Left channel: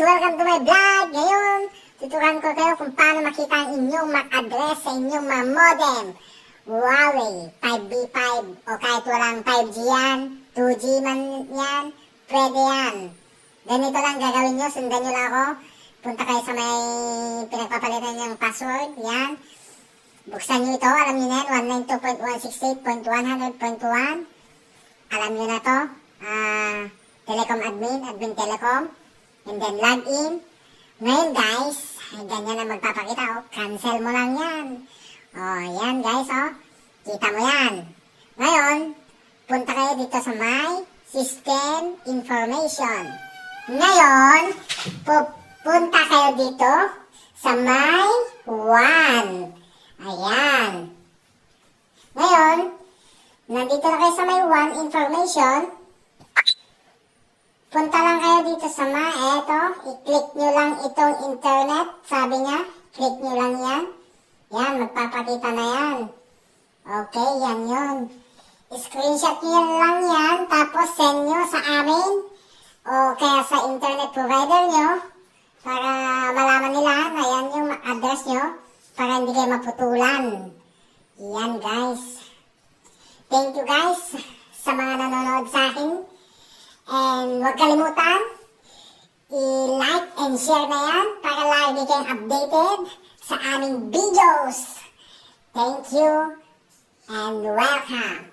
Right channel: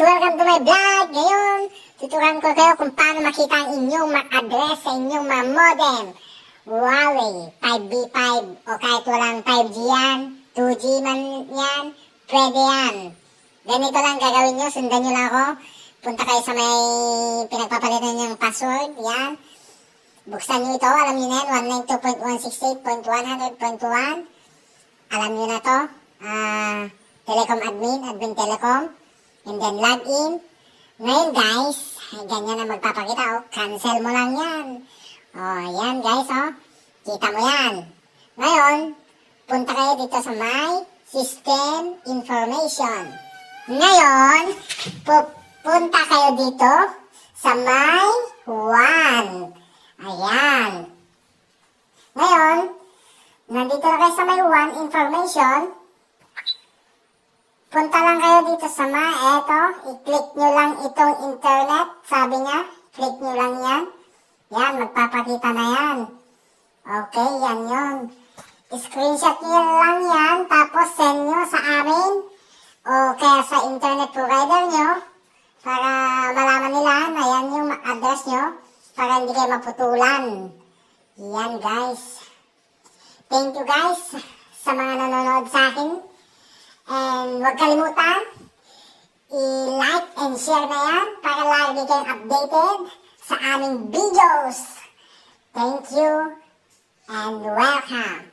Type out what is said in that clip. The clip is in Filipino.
Welcome to my vlog! Ngayon, tuturuan ko kayo kung paano makita ang inyong MAC address sa inyong mga modem. Huawei, 5B5 o kahit walang 5G yan, 2G man yan, pwede yan. Ganito lang gagawin nyo, sundan nyo lang ako. Punta kayo sa may pinagpapalitan niyang password, yan. Buksan nyo ito, alam nyo na yan, 192.168.100.1. Alam nyo na to, Telecom admin Telecom. And then log in. Ngayon guys, ganyan ang magpapakita. Cancel mo lang yan. Yan guys, kita mo yan. Ngayon, punta kayo dito sa my system information. Ngayon, pupunta kayo dito sa my WAN. Ayan. Ngayon, nandito na kayo sa my WAN information. Punta lang kayo dito sa eto, i-click nyo lang itong internet, sabi niya, click nyo lang yan. Yan, magpapakita na yan. Okay, yan yun. Screenshot nyo lang yan, tapos send nyo sa amin, o kaya sa internet provider nyo, para malaman nila na yan yung address nyo, para hindi kayo maputulan. Yan guys. Thank you guys sa mga nanonood sa akin. And huwag kalimutan, i-like and share na yan para lagi kayong updated sa aming videos. Thank you and welcome.